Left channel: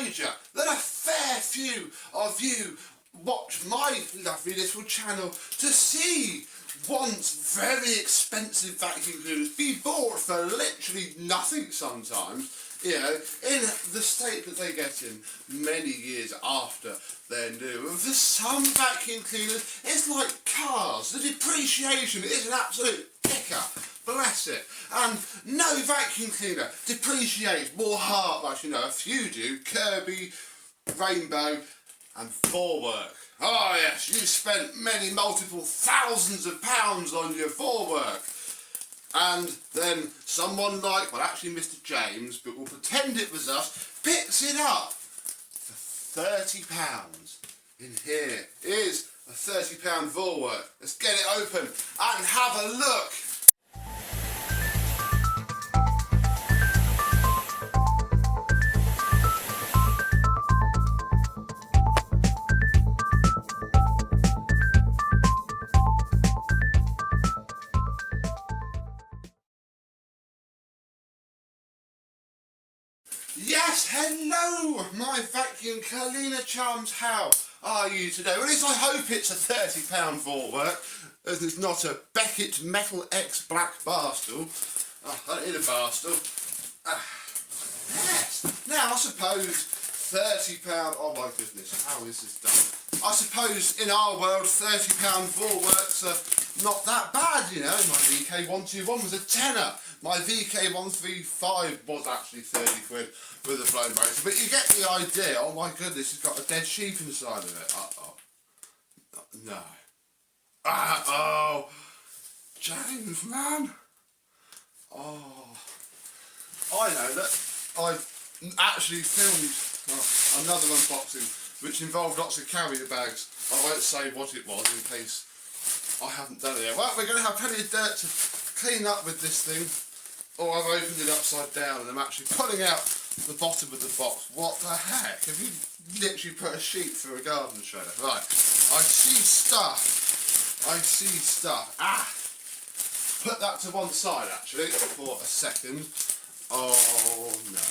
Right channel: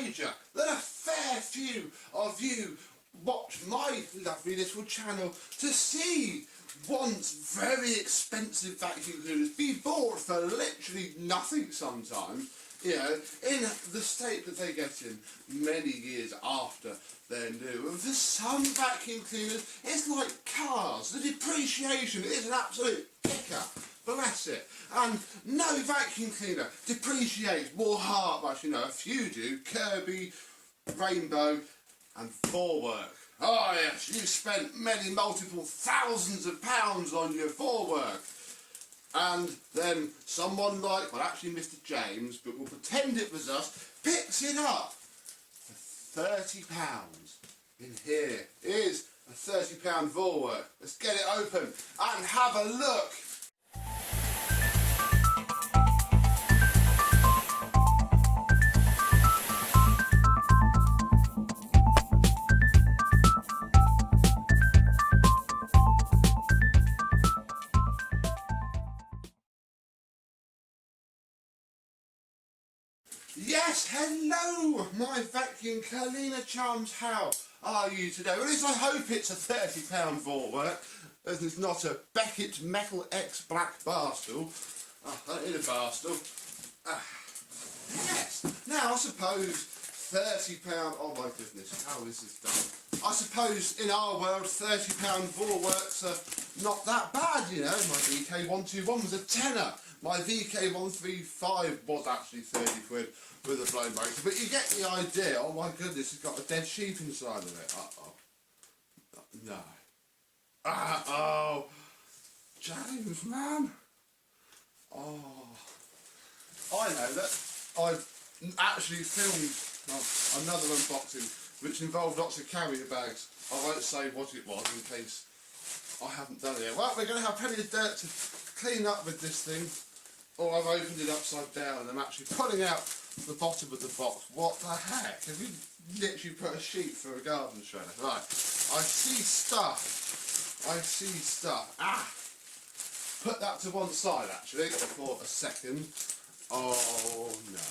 wager that a fair few of you watch my lovely little channel to see once very expensive vacuum cleaners be bought for literally nothing sometimes, you know, in the state that they get in many years after they're new. And for some vacuum cleaners, it's like cars. The depreciation is an absolute kicker. Bless it. And no vacuum cleaner depreciates more hard, like, you know, a few do. Kirby, Rainbow and Vorwerk. Oh yes, you spent many multiple thousands of pounds on your Vorwerk. And then someone like, well actually Mr. James, but we'll pretend it was us, picks it up for £30. In here is a £30 Vorwerk. Let's get it open and have a look. Yes, hello, my vacuum cleaner chums. How are you today? Well, at least I hope it's a £30 Vorwerk, as it's not a Beckett Metal X Black bar stool. Oh, I don't need a bar stool. Yes. Now, I suppose £30. Oh my goodness, how is this done? I suppose in our world, £30 Vorwerks are not that bad, you know. My VK121 was a tenner. My VK135 was actually 30 quid with a blown motor, but you get the idea. Oh my goodness, it's got a dead sheep inside of it. Uh-oh. No. Uh-oh. James, man. Oh. I know that I've actually filmed another unboxing which involved lots of carrier bags. I won't say what it was in case I haven't done it yet. Well, we're going to have plenty of dirt to clean up with this thing. Oh, I've opened it upside down and I'm actually pulling out the bottom of the box. What the heck? Have you literally put a sheet through a garden shredder? Right, I see stuff. I see stuff. Ah! Put that to one side actually for a second. Oh no.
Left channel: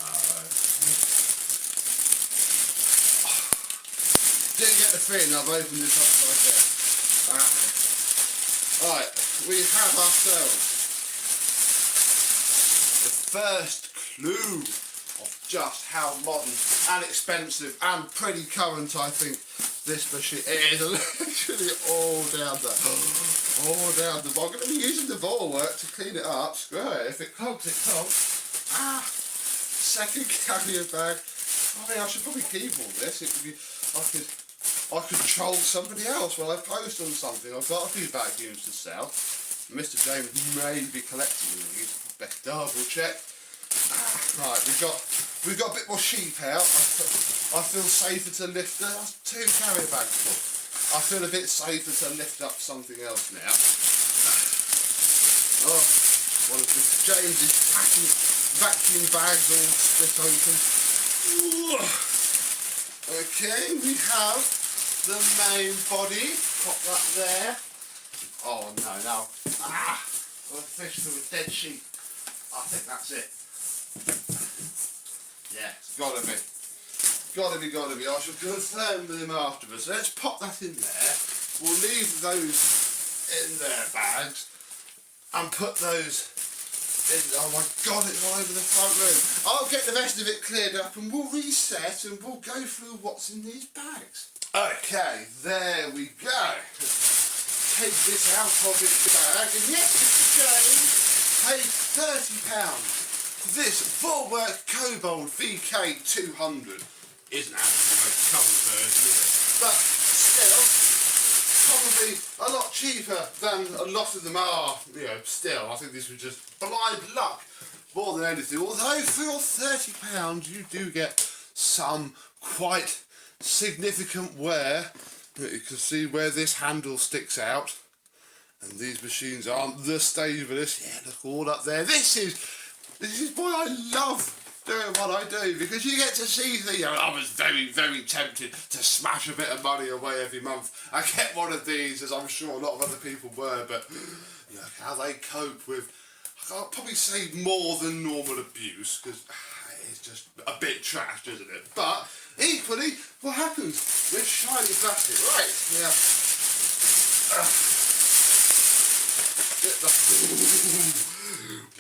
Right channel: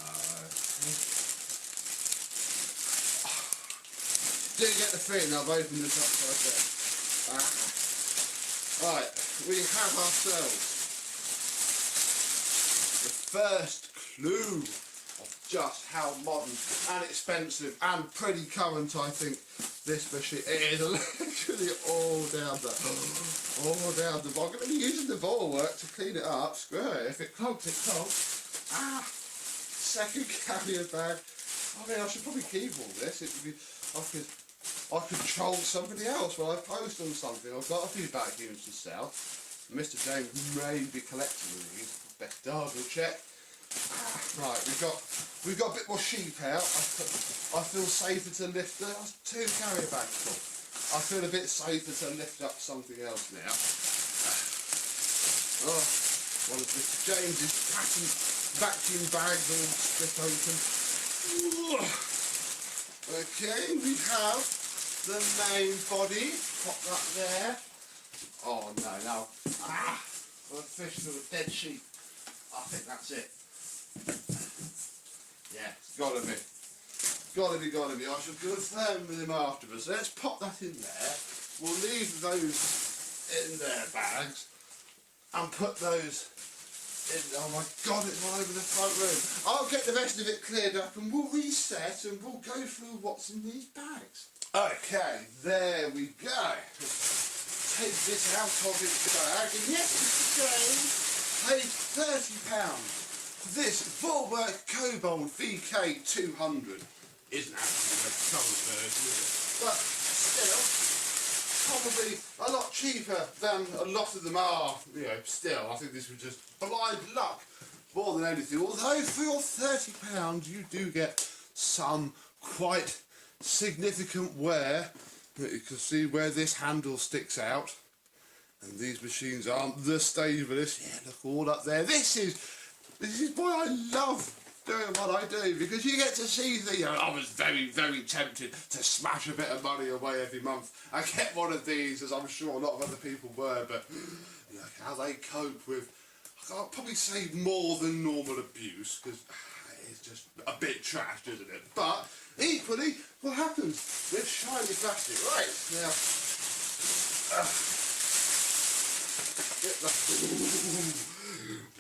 Didn't get the feeling I've opened this upside down. Right, we have ourselves the first clue of just how modern and expensive and pretty current I think this machine is. Literally all down the bottom. I'm going to be using the Vorwerk to clean it up. Screw it, if it clogs, it clogs. Ah, second carrier bag. I mean, I should probably keep all this. It would be, I could troll somebody else while I post on something. I've got a few vacuums to sell. Mr. James may be collecting these. Best double check. Right, we've got a bit more sheep out. I feel safer to lift it. That's 2 carrier bags full. I feel a bit safer to lift up something else now. Oh, one of Mr. James's vacuum bags all split open. Okay, we have the main body. Pop that there. Oh no, now. A fish through a dead sheep. I think that's it. Yeah, it's gotta be. Gotta be. I shall confirm with him afterwards. So let's pop that in there. We'll leave those in their bags and put those in. Oh my god, it's all over the front room. I'll get the rest of it cleared up and we'll reset and we'll go through what's in these bags. Okay, there we go. Take this out of its bag, and yes, Mr. James paid £30 for this Vorwerk Kobold VK200. Isn't actually the most current version, is it? But still, probably a lot cheaper than a lot of them are. You know, still, I think this was just blind luck more than anything. Although for your £30, you do get some quite significant wear. You can see where this handle sticks out, and these machines aren't the stablest. Yeah, look all up there. This is why I love doing what I do, because you get to see the. You know, I was very, very tempted to smash a bit of money away every month. I get one of these, as I'm sure a lot of other people were, but look how they cope with. I can't probably say more than normal abuse, because it's just a bit trash, isn't it? But hopefully what happens with shiny plastic. Right, now,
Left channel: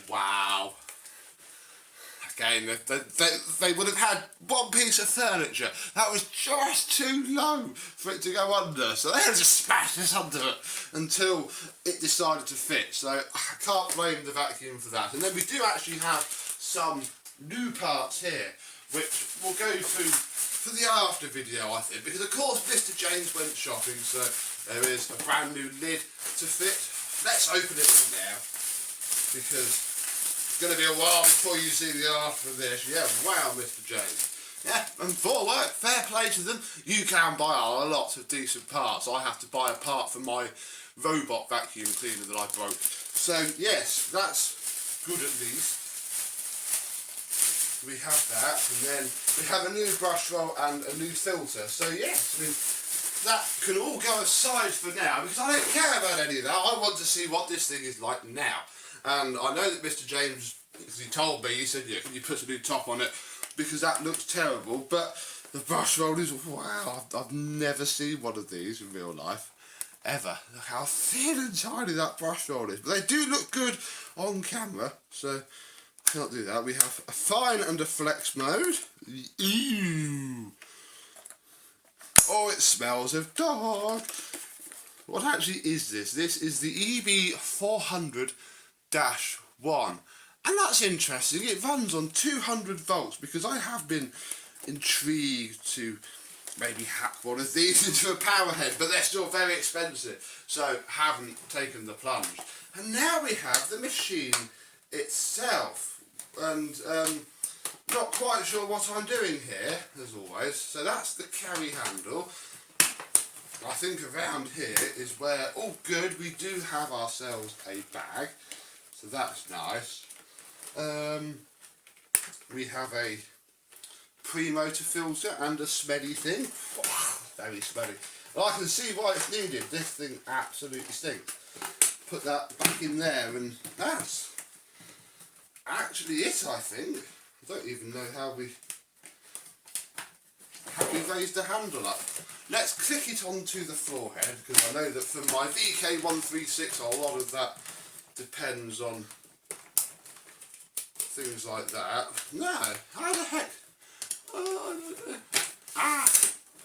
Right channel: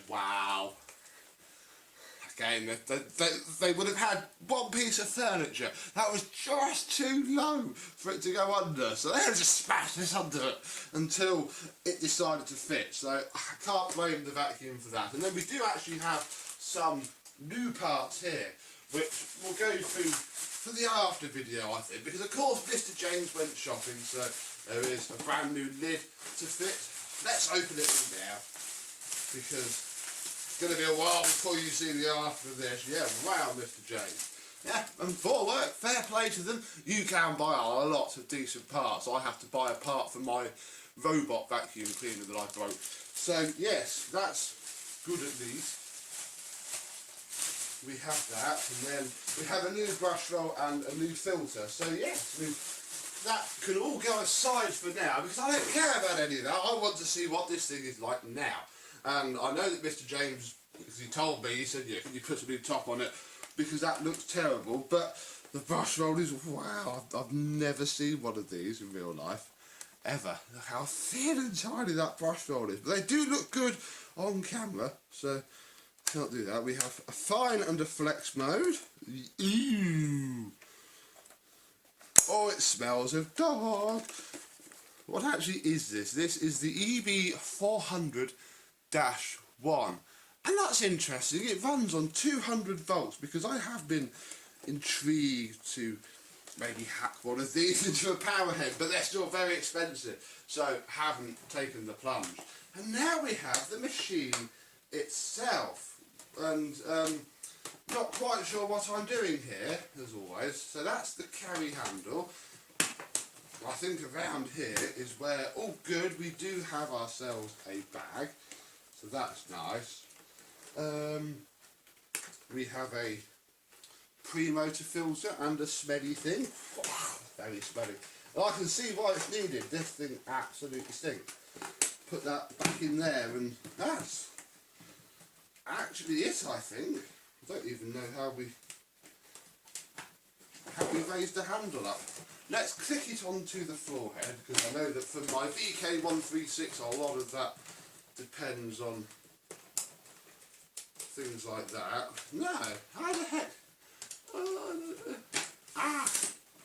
wow. Again, they would have had one piece of furniture that was just too low for it to go under, so they had to smash this under it until it decided to fit. So I can't blame the vacuum for that. And then we do actually have some new parts here, which we'll go through for the after video, I think, because of course Mr. James went shopping, so there is a brand new lid to fit. Let's open it all now, because it's going to be a while before you see the after of this. Yeah, wow, Mr. James. Yeah, and Vorwerk, fair play to them. You can buy a lot of decent parts. I have to buy a part for my robot vacuum cleaner that I broke. So, yes, that's good at least. We have that, and then we have a new brush roll and a new filter. So, yes, I mean, that can all go aside for now, because I don't care about any of that. I want to see what this thing is like now. And I know that Mr. James, because he told me, he said, yeah, can you put a new top on it, because that looks terrible. But the brush roll is, wow, I've never seen one of these in real life, ever. Look how thin and tiny that brush roll is. But they do look good on camera, so I can't do that. We have a fine and a flex mode. Ew. Oh, it smells of dog. What actually is this? This is the EB400-1, and that's interesting. It runs on 200 volts, because I have been intrigued to maybe hack one of these into a power head, but they're still very expensive, so haven't taken the plunge. And now we have the machine itself, and not quite sure what I'm doing here, as always. So that's the carry handle. I think around here is where, oh good, we do have ourselves a bag, so that's nice. We have a pre-motor filter and a smelly thing. Very smelly. And I can see why it's needed. This thing absolutely stinks. Put that back in there, and that's actually it, I think. I don't even know how we raised the handle up. Let's click it onto the floor head, because I know that for my VK136 a lot of that depends on things like that. No, how the heck?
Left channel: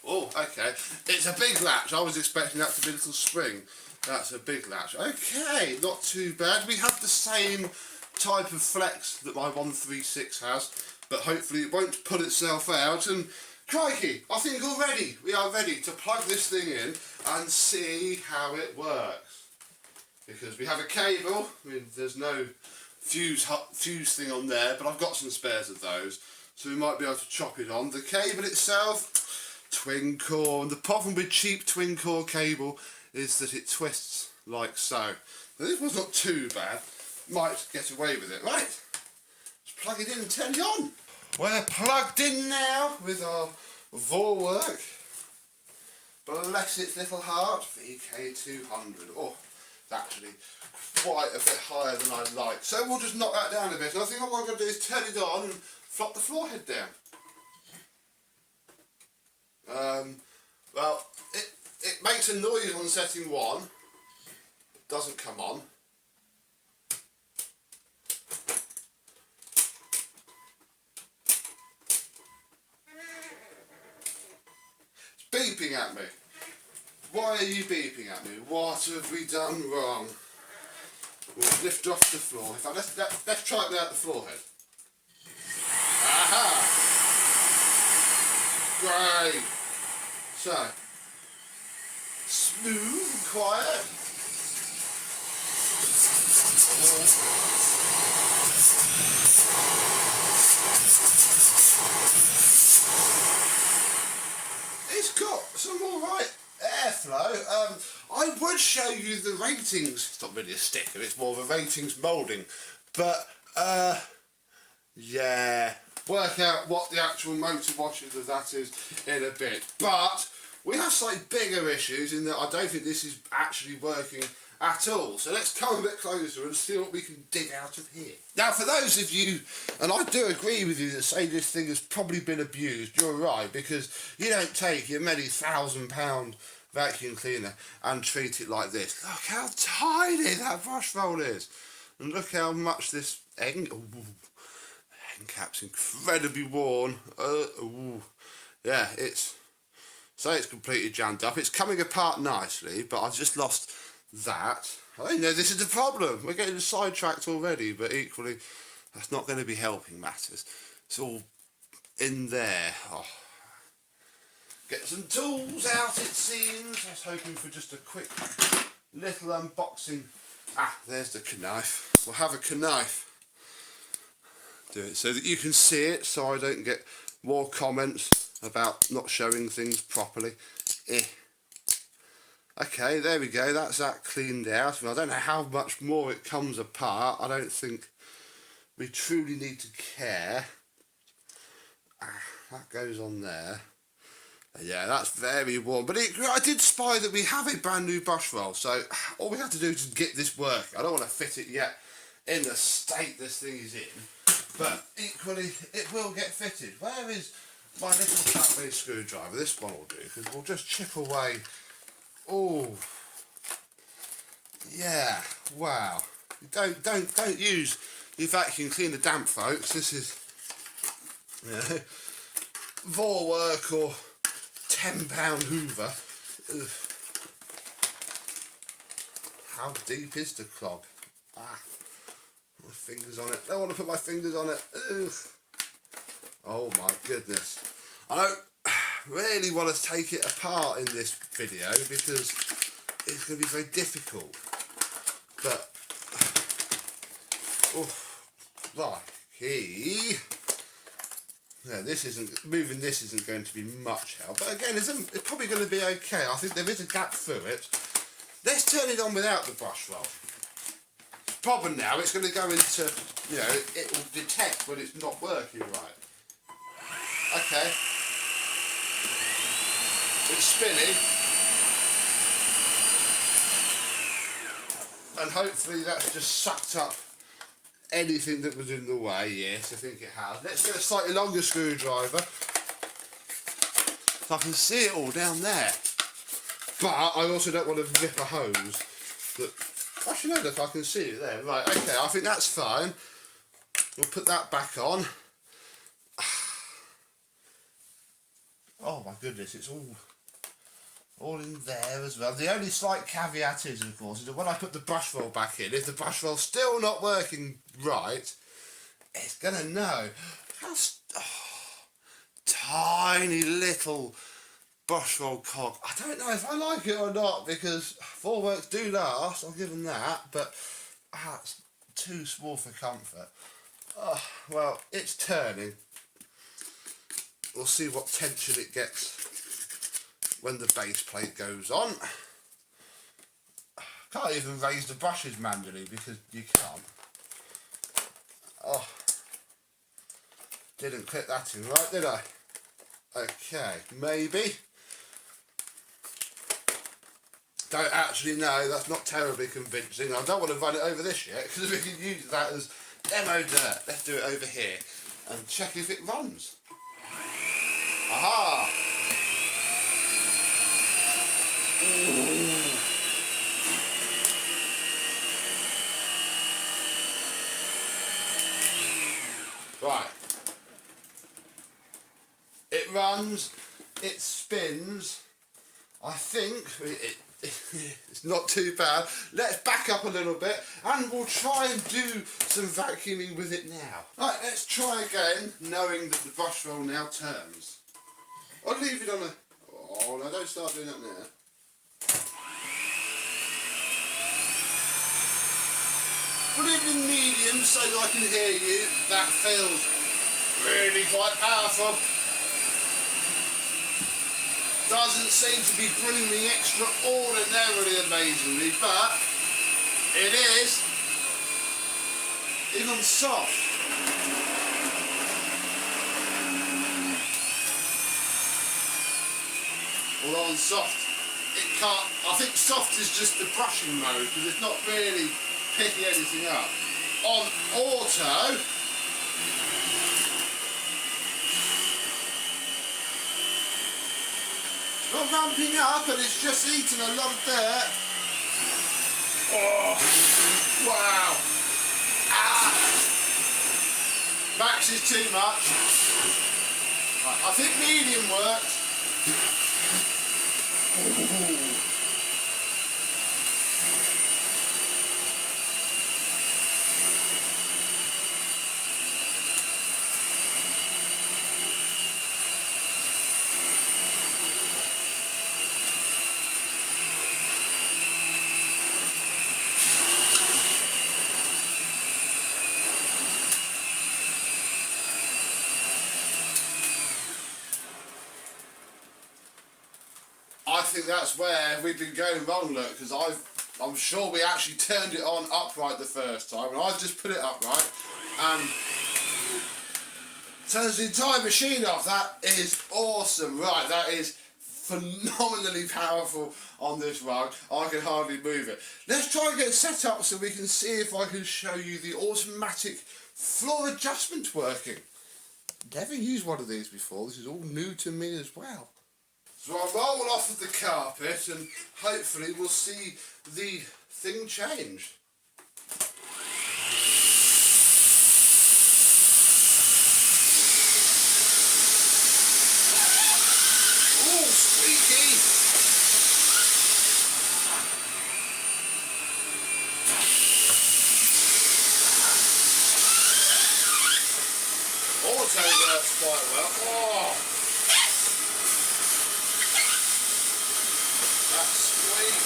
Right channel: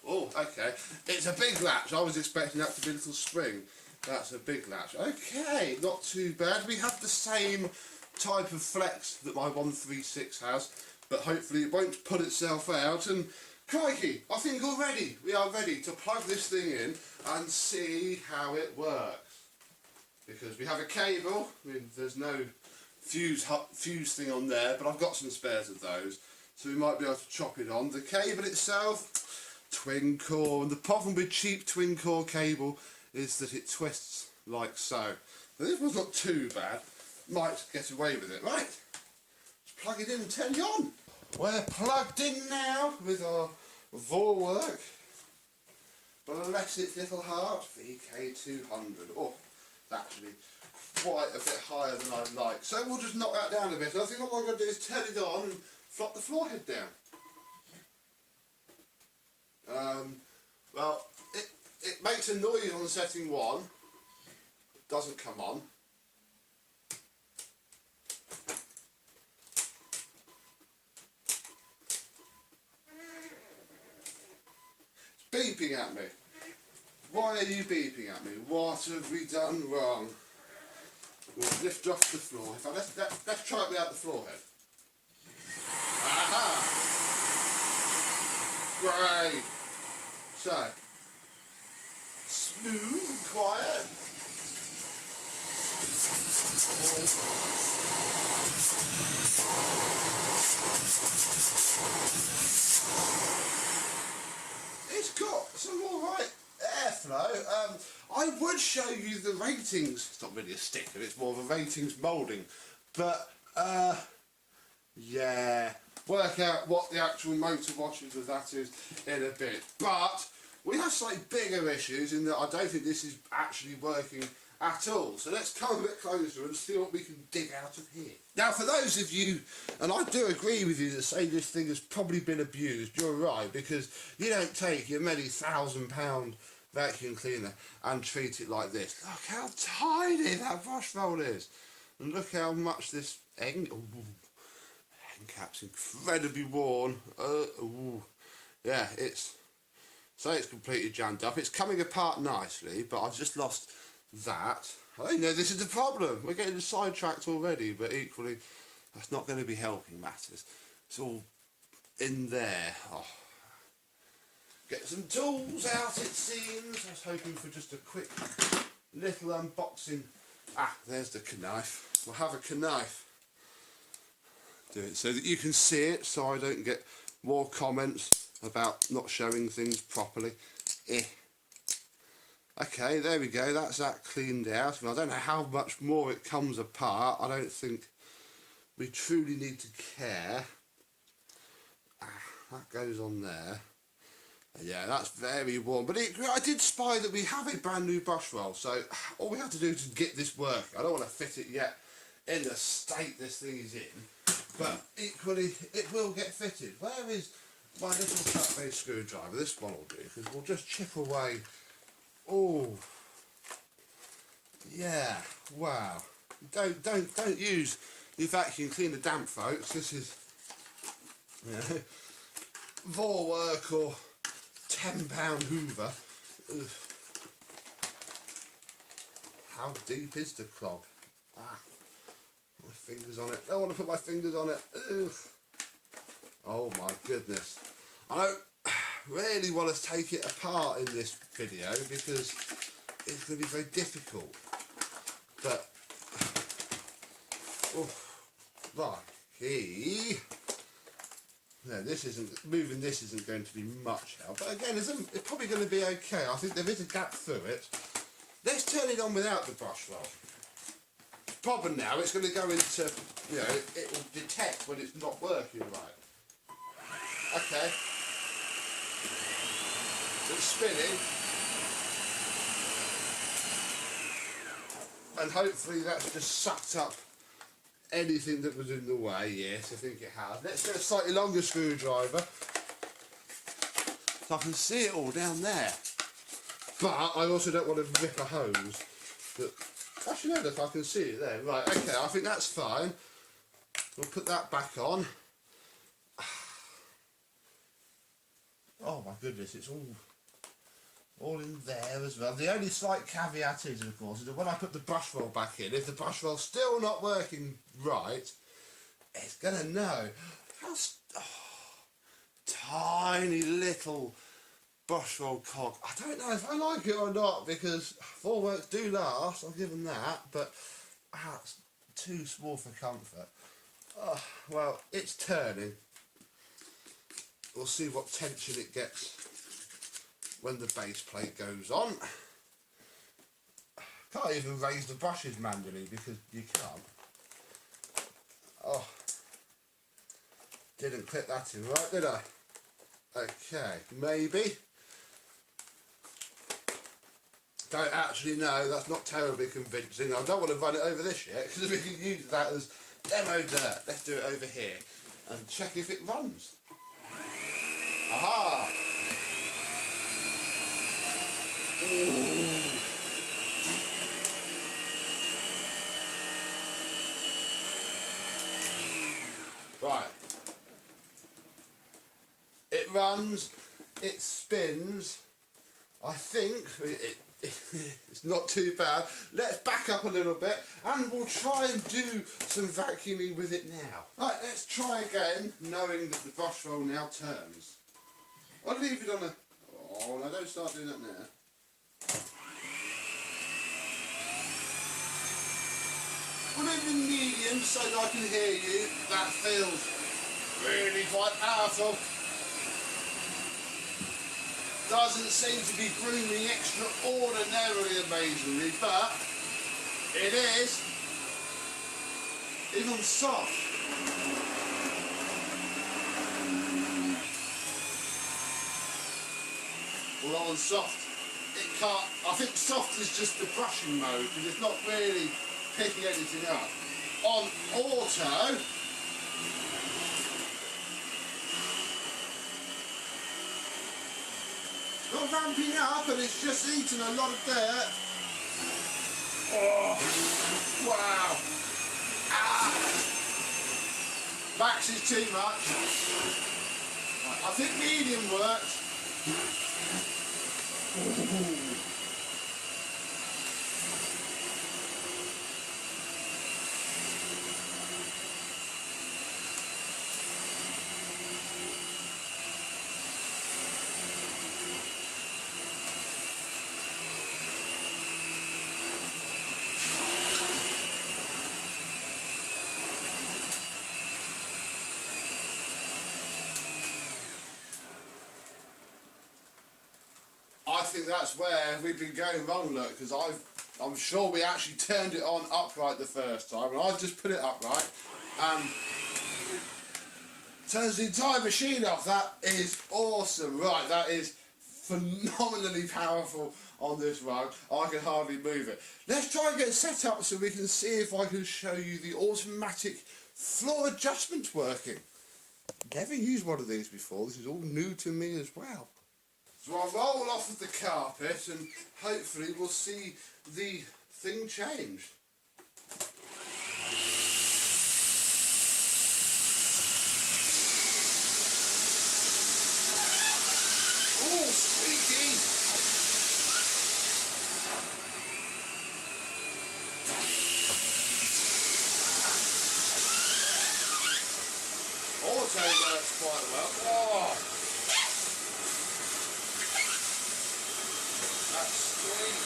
Oh, okay. It's a big latch. I was expecting that to be a little spring. That's a big latch. Okay, not too bad. We have the same type of flex that my 136 has, but hopefully it won't put itself out. And crikey, I think we are ready to plug this thing in and see how it works. Because we have a cable. I mean, there's no fuse thing on there, but I've got some spares of those, so we might be able to chop it on. The cable itself, twin core, and the problem with cheap twin core cable is that it twists like so. But this one's not too bad. Might get away with it. Right, let's plug it in and turn it on. We're plugged in now with our Vorwerk, bless its little heart, VK200. Oh, it's actually quite a bit higher than I'd like. So we'll just knock that down a bit. And I think all I'm going to do is turn it on and flop the floor head down. Well, it makes a noise on setting 1. It doesn't come on. Beeping at me. Why are you beeping at me? What have we done wrong? We'll lift off the floor. In fact, let's try it without the floor head. Aha! Great. So, smooth and quiet. It's got some alright airflow. I would show you the ratings. It's not really a sticker, it's more of a ratings moulding. But, yeah, work out what the actual motor washes of that is in a bit. But we have slightly bigger issues in that I don't think this is actually working at all. So let's come a bit closer and see what we can dig out of here. Now, for those of you, and I do agree with you that say this thing has probably been abused, you're right, because you don't take your many £1,000 vacuum cleaner and treat it like this. Look how tiny that brush roll is. And look how much this end cap's incredibly worn. Yeah, it's completely jammed up. It's coming apart nicely, but I've just lost that. I know this is the problem. We're getting sidetracked already, but equally, that's not going to be helping matters. It's all in there. Oh. Get some tools out, it seems. I was hoping for just a quick little unboxing. Ah, there's the knife. We'll have a knife. Do it so that you can see it, so I don't get more comments about not showing things properly. Okay, there we go. That's that cleaned out. I don't know how much more it comes apart. I don't think we truly need to care. That goes on there. Yeah, that's very warm. But I did spy that we have a brand new brush roll, so all we have to do is get this working. I don't want to fit it yet in the state this thing is in, but equally it will get fitted. Where is my little flat-base screwdriver? This one will do, because we'll just chip away. Oh, yeah, wow. Don't use your vacuum cleaner damp, folks. This is, you know, Vorwerk or £10 Hoover. Ugh. How deep is the clog? My fingers on it. Don't want to put my fingers on it. Ugh. Oh my goodness. I don't really want to take it apart in this video because it's going to be very difficult. But, right, here. Yeah, moving this isn't going to be much help. But again, it's probably going to be okay. I think there is a gap through it. Let's turn it on without the brush roll. The problem now, it's going to go into, you know, it will detect when it's not working right. Okay. It's spinning. And hopefully that's just sucked up anything that was in the way. Yes, I think it has. Let's get a slightly longer screwdriver so I can see it all down there. But I also don't want to rip a hose. Actually, no, look, I can see it there. Right, okay, I think that's fine. We'll put that back on. Oh my goodness, it's all in there as well. The only slight caveat is, of course, is that when I put the brush roll back in, if the brush roll's still not working right, it's going to know. How tiny little brush roll cog. I don't know if I like it or not, because Vorwerks do last, I'll give them that, but it's too small for comfort. Well, it's turning. We'll see what tension it gets when the base plate goes on. Can't even raise the brushes manually because you can't. Oh, didn't clip that in right, did I? Okay, maybe. Don't actually know, that's not terribly convincing. I don't want to run it over this yet because we can use that as demo dirt. Let's do it over here and check if it runs. Aha! Ooh. Right. It runs, it spins. I think it's not too bad. Let's back up a little bit and we'll try and do some vacuuming with it now. Right, let's try again, knowing that the brush roll now turns. I'll leave it on a... Oh, no, don't start doing that now. We'll leave it in medium so that I can hear you. That feels really quite powerful. Doesn't seem to be brooming extraordinarily amazingly, but it is even soft. Although on soft, it can't, I think soft is just the brushing mode because it's not really picking anything up. On auto, it's not ramping up and it's just eating a lot of dirt. Oh, wow. Ah. Max is too much. Right, I think medium works. Ooh. I think that's where we've been going wrong, look, because I'm sure we actually turned it on upright the first time, and I've just put it upright, and turns the entire machine off. That is awesome. Right, that is phenomenally powerful on this rug. I can hardly move it. Let's try and get it set up so we can see if I can show you the automatic floor adjustment working. Never used one of these before. This is all new to me as well. So I'll roll off of the carpet and hopefully we'll see the thing change. Oh, squeaky! Auto works quite well. Oh! That's sweet.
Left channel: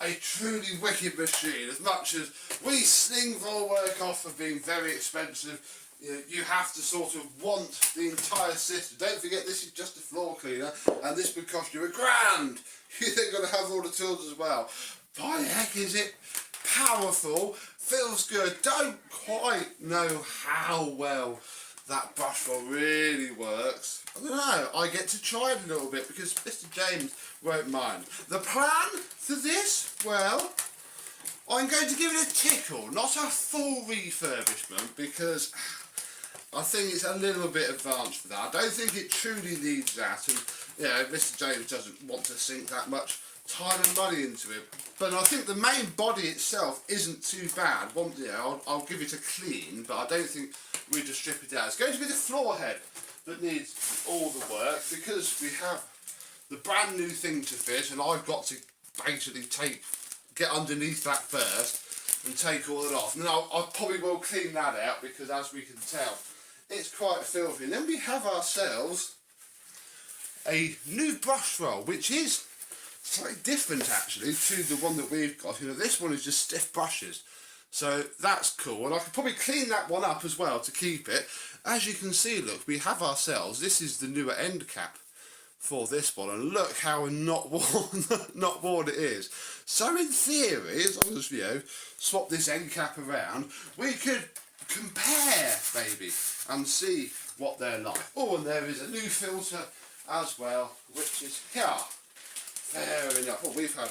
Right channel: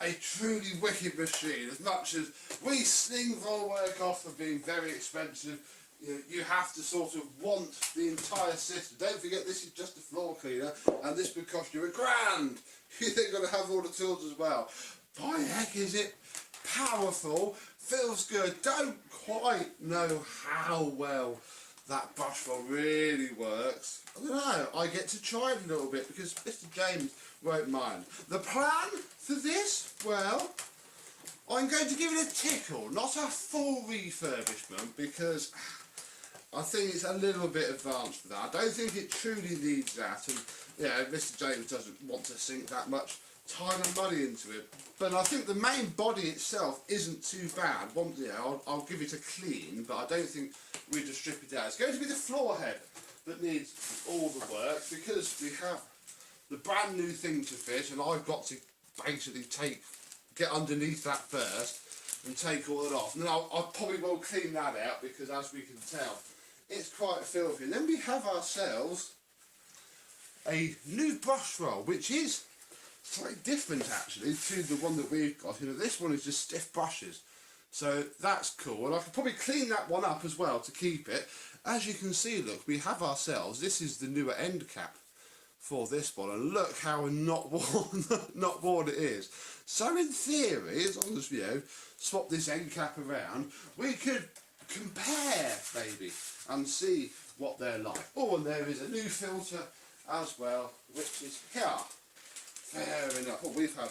A truly wicked machine. As much as we sling Vorwerk off for being very expensive, you have to sort of want the entire system. Don't forget, this is just a floor cleaner, and this would cost you £1,000. You think you're going to have all the tools as well. By the heck, is it powerful? Feels good. Don't quite know how well that brush roll really works. I don't know, I get to try it a little bit because Mr. James won't mind. The plan for this, well, I'm going to give it a tickle, not a full refurbishment because I think it's a little bit advanced for that. I don't think it truly needs that, and Mr. James doesn't want to sink that much time and money into it. But I think the main body itself isn't too bad. I'll give it a clean, but I don't think we just strip it out. It's going to be the floor head that needs all the work because we have the brand new thing to fit, and I've got to basically get underneath that first and take all that off. And then I probably will clean that out because, as we can tell, it's quite filthy. And then we have ourselves a new brush roll, which is slightly different actually to the one that we've got. This one is just stiff brushes, so that's cool, and I could probably clean that one up as well to keep it. As you can see, look, we have ourselves, this is the newer end cap for this one, and look how not worn it is. So in theory, as long as swap this end cap around, we could compare maybe and see what they're like. Oh, and there is a new filter as well, which is here. Fair enough. Well, we've had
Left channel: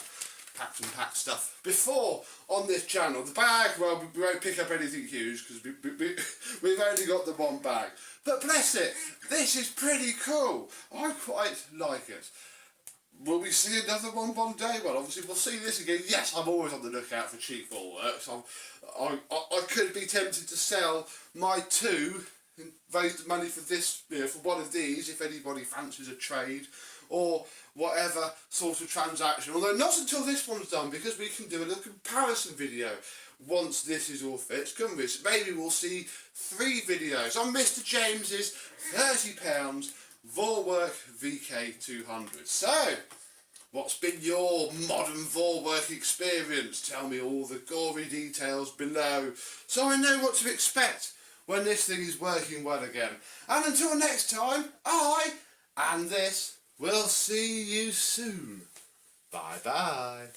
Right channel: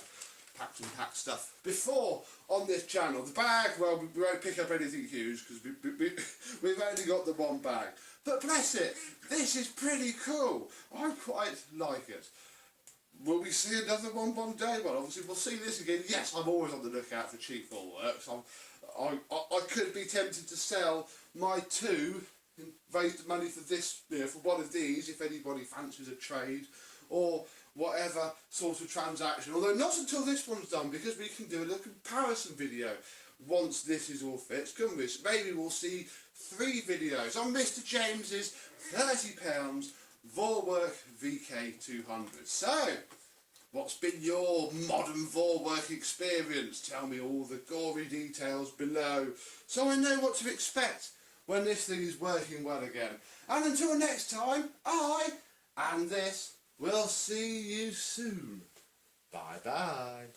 packed and packed stuff before on this channel. The bag, well, we won't pick up anything huge because we've only got the one bag. But bless it, this is pretty cool. I quite like it. Will we see another one day? Well, obviously we'll see this again. Yes, I'm always on the lookout for cheap Vorwerk. So I could be tempted to sell my two and raise the money for this, for one of these, if anybody fancies a trade or whatever sort of transaction. Although not until this one's done, because we can do a little comparison video once this is all fixed, couldn't we? So maybe we'll see 3 videos on Mr. James's £30 Vorwerk VK200. So, What's been your modern Vorwerk experience? Tell me all the gory details below so I know what to expect when this thing is working well again. And until next time, I and this will see you soon. Bye bye.